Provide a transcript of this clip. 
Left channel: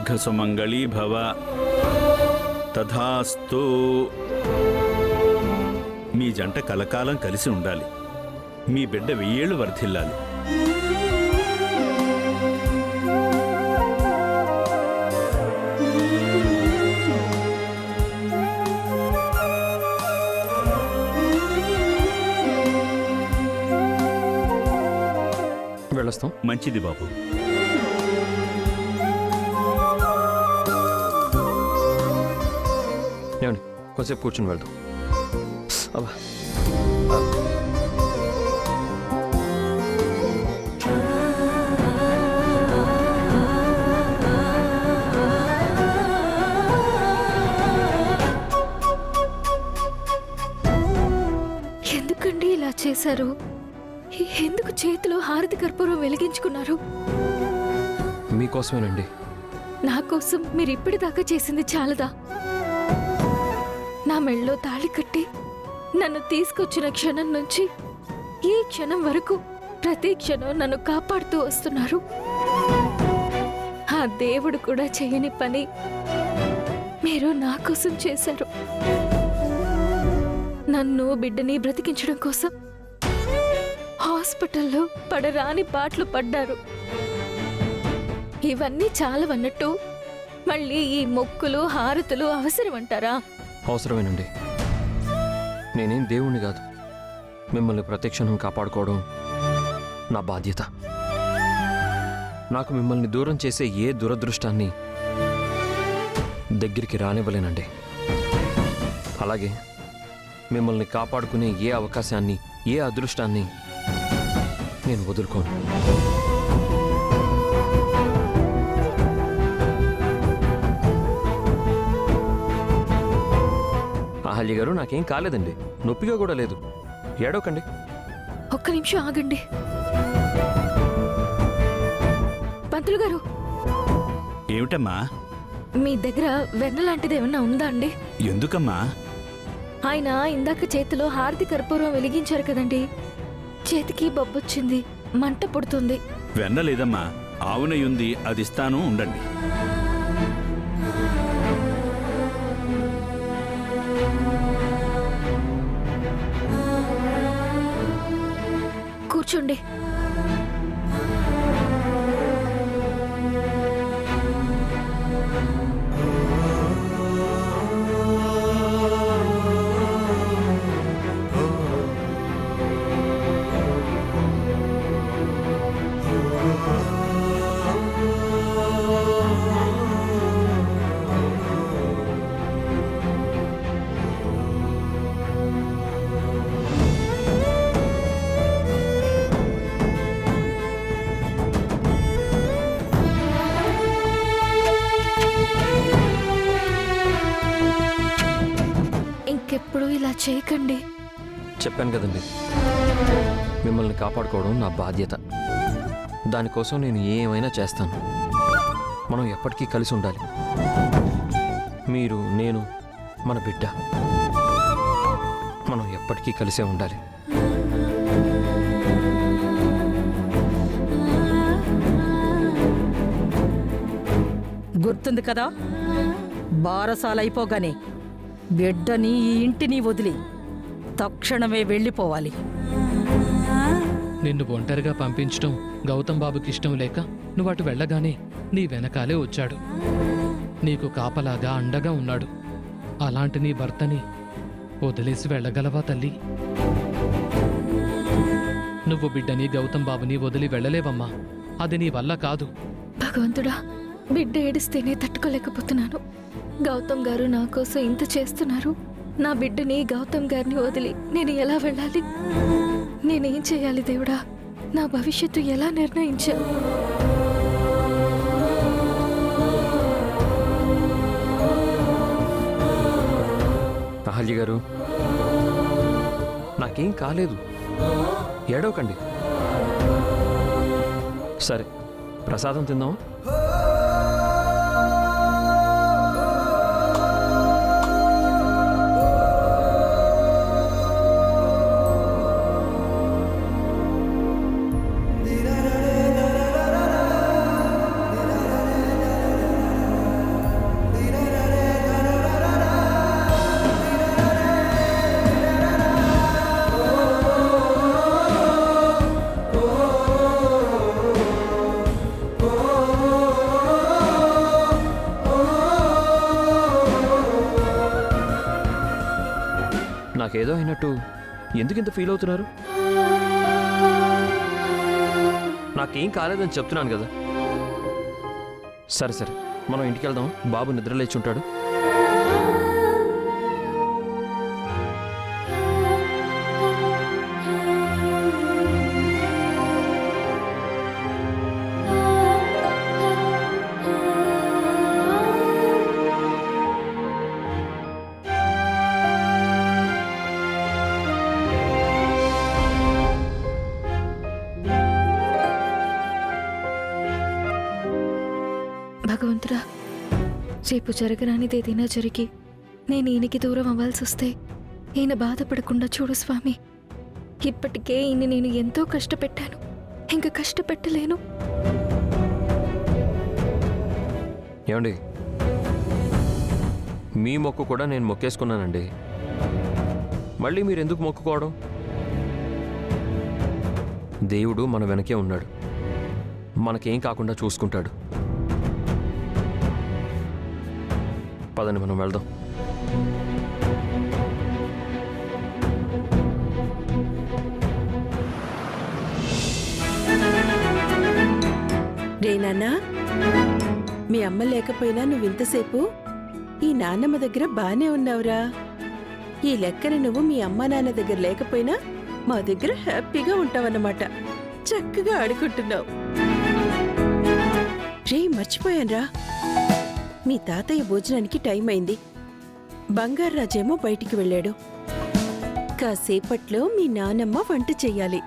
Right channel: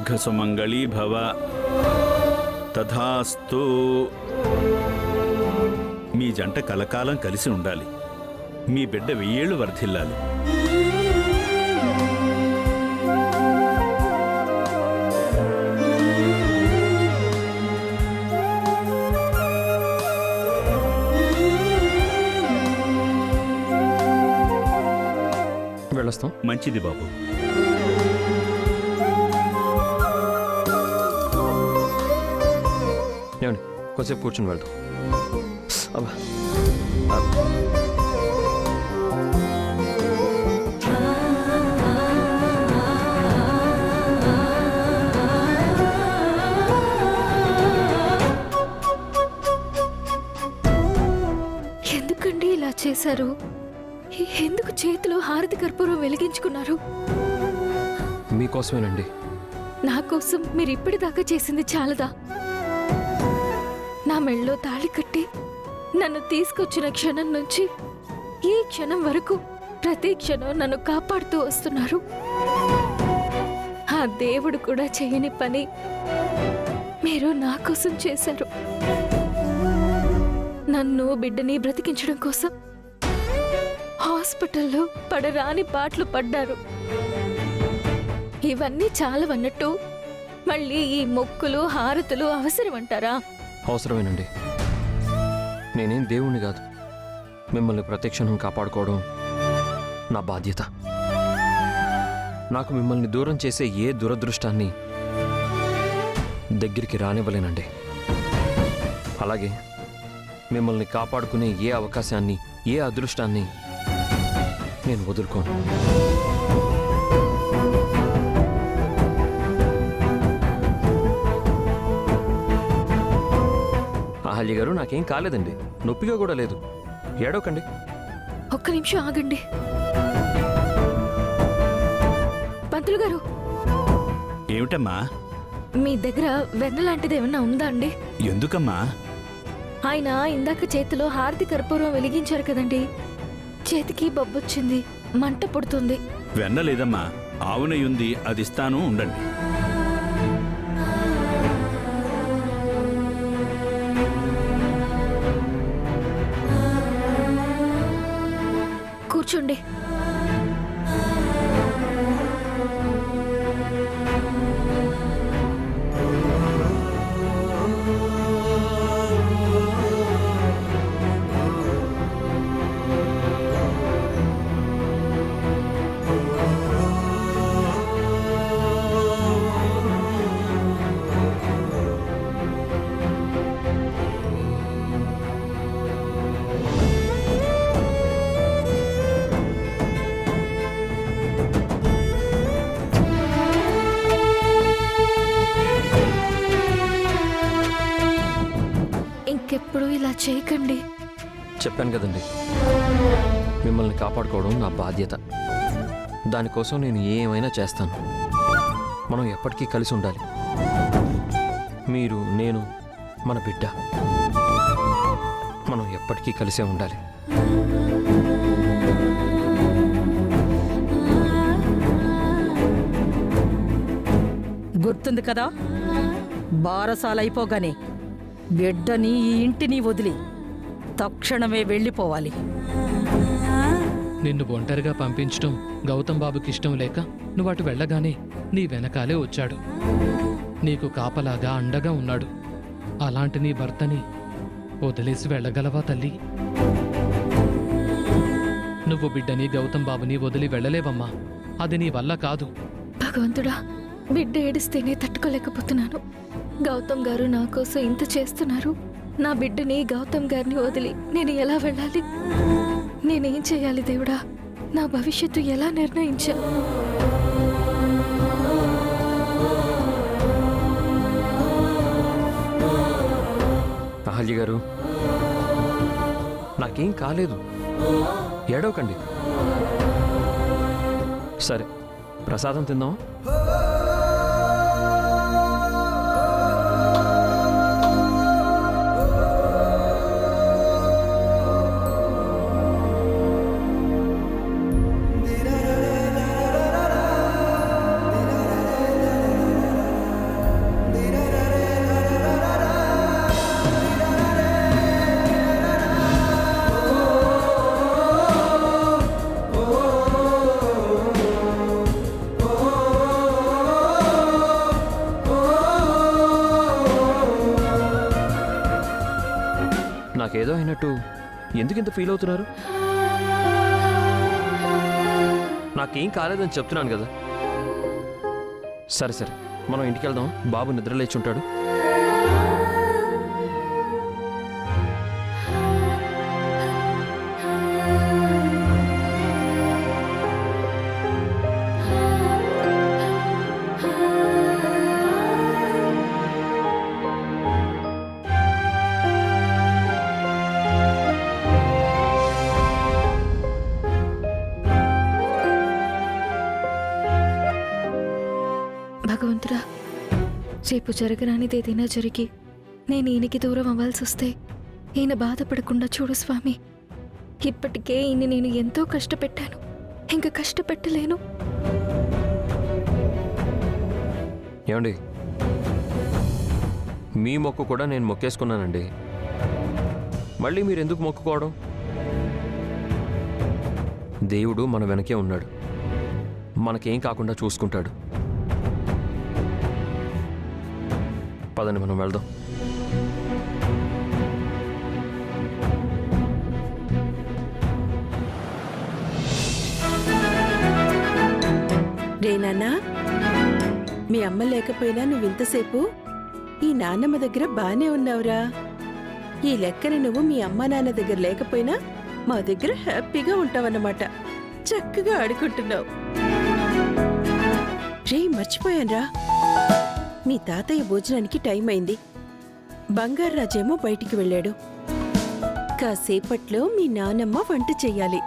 దీర్ఘసుమంగళీ భవ. తథాస్తు. మీ జంట కలకాలం కలిసి ఉండాలి. మీ బిడ్డ 1000 ఏళ్లు వర్ధిల్లాలి. వెళ్ళొస్తాం. మంచిది బాబు. ఏమండి, కొంచెంసేపు కూర్చొని వెళ్దాం. అబ్బా, ఎందుకండి ఇలా చేశారు? ఎందుకు చేతిలో హారతి కర్పూరం వెలిగించుకున్నారు? మీకోసమేనండి. నా కోసం మీరు ఇప్పటిదాకా చేసింది చాలదా? నా మెళ్ళో తాళి కట్టి నన్ను తీసుకొచ్చిన క్షణం నుంచి ఈ క్షణం వరకు ప్రతి క్షణం నన్ను కాపాడుతూ వస్తున్నారు. ఆ దేవుడు కూడా చేయని పని మీరు నా కోసం చేశారు. నన్ను బిడ్డని బ్రతికించడం కోసం హాస్పిటల్లో పడరాని పాటలు పడ్డారు. ఇవన్నీ చాలవన్నట్టు మళ్ళీ ఈ మొక్కులు హారతులు అవసరమంటారా? అవసరమేనండి. నేనేం దేవుణ్ణి కాదు. మిమ్మల్ని ప్రతిక్షణం కాపాడుకోవడం నా బాధ్యత. నాకు మిమ్మల్ని దూరం చేసే ఏ దురదృష్టాన్ని దగ్గరికి రానివ్వలేనండి. అలాగే మిమ్మల్ని కాపాడుకునే ఏ అవకాశాన్ని, ఏ అదృష్టాన్ని నేను వదులుకోను. అహల్య గారు, నాకేం కాలేదండి. నొప్పిగా కూడా లేదు. ఏడవకండి. ఒక్క నిమిషం ఆగండి. పంతులు గారు, ఏమిటమ్మా? మీ దగ్గర వెన్న లాంటిది ఏమన్నా ఉందా అండి? ఎందుకమ్మా? ఆయన ఇందాక చేతిలో హారతి కర్పూరం వెలిగించారు కదండి, చేతికి బొబ్బొచ్చింది, మంట పుడుతుంది. వెన్న లేదమ్మా, ఆవు నెయ్యి ఉంది, అది ఇస్తాను, ఉండండి. కూర్చోండి. ఇంకెప్పుడు ఇలా చేయకండి. చెప్పాను కదండి, మిమ్మల్ని కాపాడుకోవడం నా బాధ్యత. దానికోసం నేను ఏమైనా చేస్తాను. మనం ఎప్పటికీ కలిసి ఉండాలి. మీరు, నేను, మన బిడ్డ, మనం ఎప్పటికీ కలిసే ఉండాలి. గుర్తుంది కదా, బారసాలైపోగానే బిడ్డని ఈ ఇంటిని వదిలి తక్షణమే వెళ్ళిపోవాలి. నిన్ను ఒంటరిగా పంపించడం గౌతమ్ బాబుకి ఇష్టం లేక నువ్వు అటు వెళ్ళగానే నీ వెనకాలే వచ్చాడు. నీకు కాపలాగా అండగా ఉన్నాడు. అలాంటి నీ భర్తని వదిలేసి వెళ్ళగలవా తల్లి? నువ్వు బిడ్డని గౌతమ్ బాబుని వదిలి వెళ్ళలేవమ్మా. అది నీ వల్ల కాదు. భగవంతుడా, బిడ్డ ఏడిస్తేనే తట్టుకోలేకపోతున్నాను. గౌతమ్ గారు నా కోసం ఇంత చేస్తున్నారు. నా బిడ్డని గౌతమ్ గారిని వదిలి నేను ఎలా వెళ్ళాలి? నేనేం చేయాలి దేవుడా? నా భవిష్యత్తు ఎలా నిర్ణయించావు? అహల్య గారు, నాకేం కాలేదు. ఏడవకండి. సరే, ప్రసాదం తిందాం. నాకేదో అయినట్టు ఎందుకు ఇంత ఫీల్ అవుతున్నారు? నాకేం కాలేదని చెప్తున్నాను కదా. సరే సరే, మనం ఇంటికి వెళ్దాం. బాబు నిద్రలేచి ఉంటాడు. భగవంతుడా, రేపు జరగరానిది ఏదైనా జరిగి నేను ఈయనకి దూరం అవ్వాల్సి వస్తే ఈయన బాధపడకుండా చూడు స్వామి. ఇప్పటికే ఈయన నేను ఎంతో కష్టపెట్టాను, ఇంకా కష్టపెట్టలేను. ఏమండి, మీ మొక్కు కూడా నేను మొక్కేసుకున్నానండి. మళ్ళీ మీరు ఎందుకు మొక్కుకోవడం? దేవుడు మన వెనకే ఉన్నాడు, మనకేం కాకుండా చూసుకుంటాడు. పదండి, మనం వెళ్దాం. రే నాన్నా, మీ అమ్మ లేకపోయినా నువ్వింతసేపు ఈ నాన్నమ్మ దగ్గర బానే ఉన్నావురా. ఈ లెక్కన నువ్వు మీ అమ్మ నాన్న దగ్గర లేకపోయినా మా దగ్గర హ్యాపీగా ఉంటావన్నమాట. చక్కగా ఆడుకుంటున్నావు. రే, మర్చిపోయాన్రా, మీ తాతయ్య భోజనానికి టైం అయింది. బంగారాజేమో బయటికి వెళ్ళాడు. కాసేపట్లో మీ నానమ్మ వంట చెయ్యాలి.